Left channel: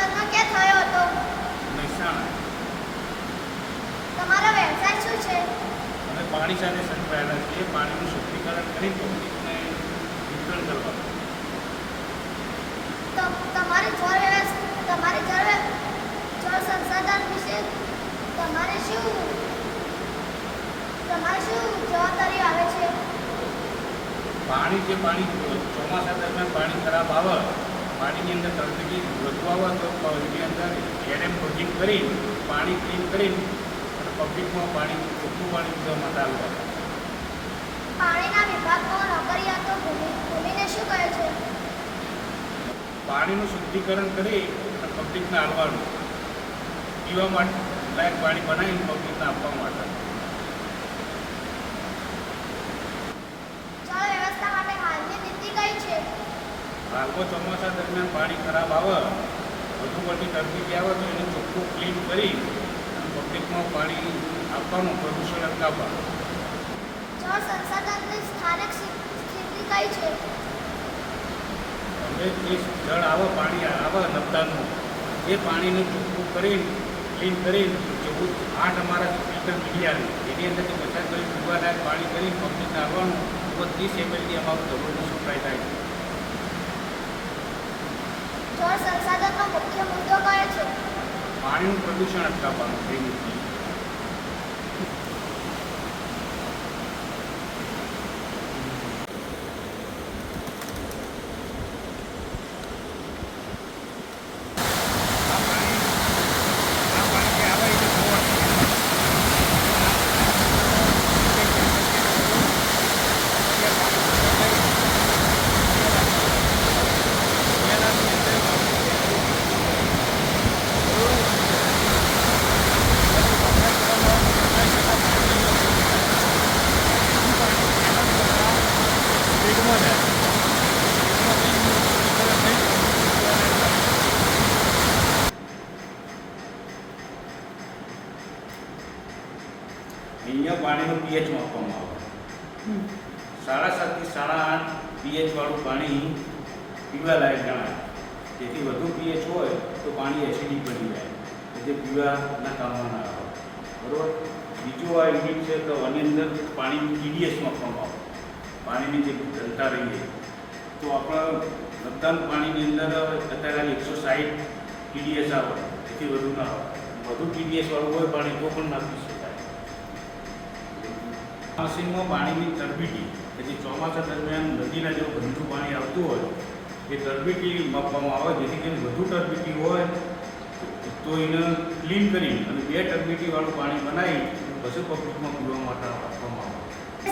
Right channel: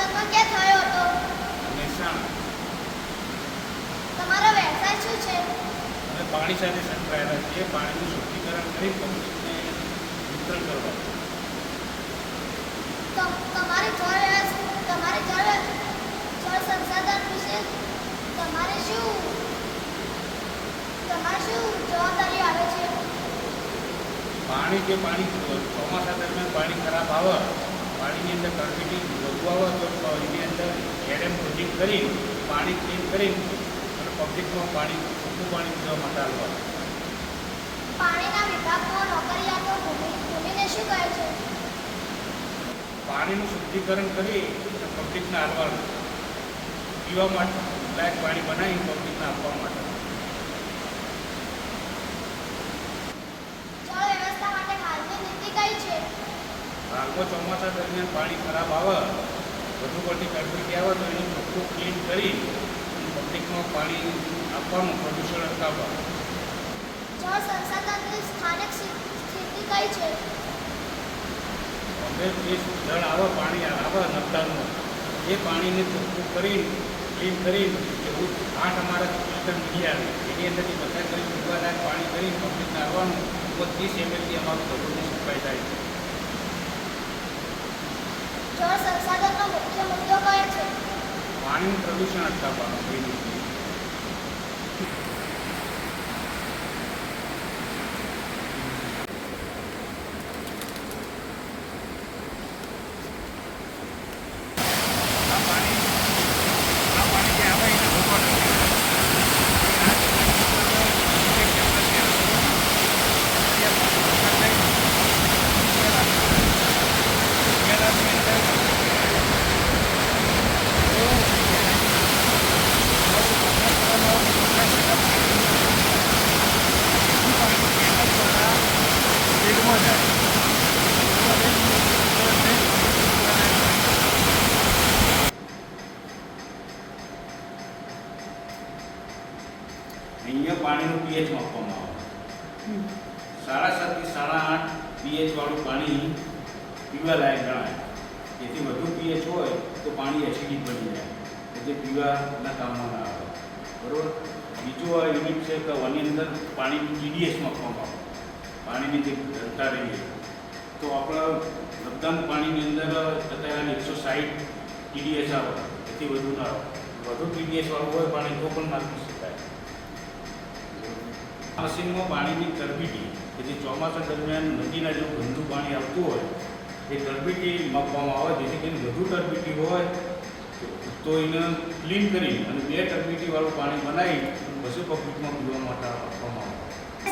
જન્મ ક્યાં થયો હતો? મહેસાણા. તમારો વ્યવસાય શું છે? અને પાણી સાથે સંકળાયેલા છે. પાણીનું શુદ્ધિકરણ કરી પબ્લિકને વિતરણ કરવાનું. તમારી જળ સંસાધન વિશે તમારે શું જવાબદારી આવે છે? પાણી ચોમાસા દરમિયાન પાણી ખરાબ આવે, પાણીની અંદર તરફી વધુ આવે તો એની અંદર એડેમ પ્રોજેક્ટ કરી પાણી ક્લીન કરી અને પબ્લિકમાં પાણી ચોખ્ખું પાણી પીવા માટે આવવાનું. પાણીના વિભાગમાં નોકરિયાતો ભૂમિને શું કહે છે? પાણીનું શુદ્ધિકરણ કરી અને પબ્લિકને આપવાનું, પીવા માટે લાયક પાણી બનાવીને પબ્લિકને આપવા માટે. જળ વ્યવસ્થા માટે હાલની નીતિ કઈ છે? હાલમાં ચોમાસા દરમિયાન પાણી ખરાબ આવે, વધુ પડતી તરફી આવે તો એનું ચોખ્ખું ક્લીન કરી અને પબ્લિકમાં પાણી આપવાનું, પ્રદૂષણ અટકાવવાનું. જળ સંસાધનની સ્થાનિક સ્થિતિ કઈ છે? અમે જે જળ આવે, પાણી આવે નર્મદાનું, એ પાણીને ચોખ્ખું કરીને ક્લીન કરીને એવું 8 અમારા ફિલ્ટર મીડી આવે, એની અંદરથી પસાર કરી પીવાલાયક પાણી કરીને પબ્લિકને આવવાનું. 30 ml અમારું દરરોજનું સપ્લાય થાય છે. જળ સંસાધનનો મુખ્ય મુદ્દો કયો છે? પાણીનું પ્રદૂષણ અટકાવવાનું થઈ ગયું. અહીંયા પાણીનું પીએચ માપવામાં આવે. 7.5 થી 8.5 પીએચ વાળું પાણી પીવાલાયક ગણાય. જેથી વધુ પીએચ હોય તો પાણી એસિડિક બની જાય, એટલે પીવાના કામમાં ના આવે. બરાબર. બીજું આ યુનિટ છે કે આની અંદર પાણીનું ટીડીએસ માપવામાં આવે. પાણીની જે ઘનતા રહીએ તો આપણા બધાનું પાણીની અંદર અત્યારે 160 ટીડીએસ આવે, એથી વધુ ના આવે. વધુ ટીડીએસ વાળું હોય પાણી તો પણ ના પી શકાય. મશીનમાં પાણીની ટર્બિટી કે જે ચોમાસા દરમિયાન નદીના જેવું ગંદુ પાણી આવતું હોય એ ટર્બિટી માપવામાં આવે, જેથી કરીને વધુ ટર્બિટી હોય તો એને ક્લીન કરી અને 2 ટર્બિટીવાળું પાણી બનાવી પછી પબ્લિકમાં પીવા માટે આપવામાં આવે.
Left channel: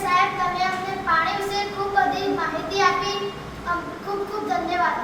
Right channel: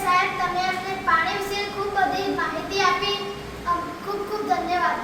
સાહેબ, તમે અમને પાણી વિશે ખૂબ બધી માહિતી આપી. ખૂબ ખૂબ ધન્યવાદ.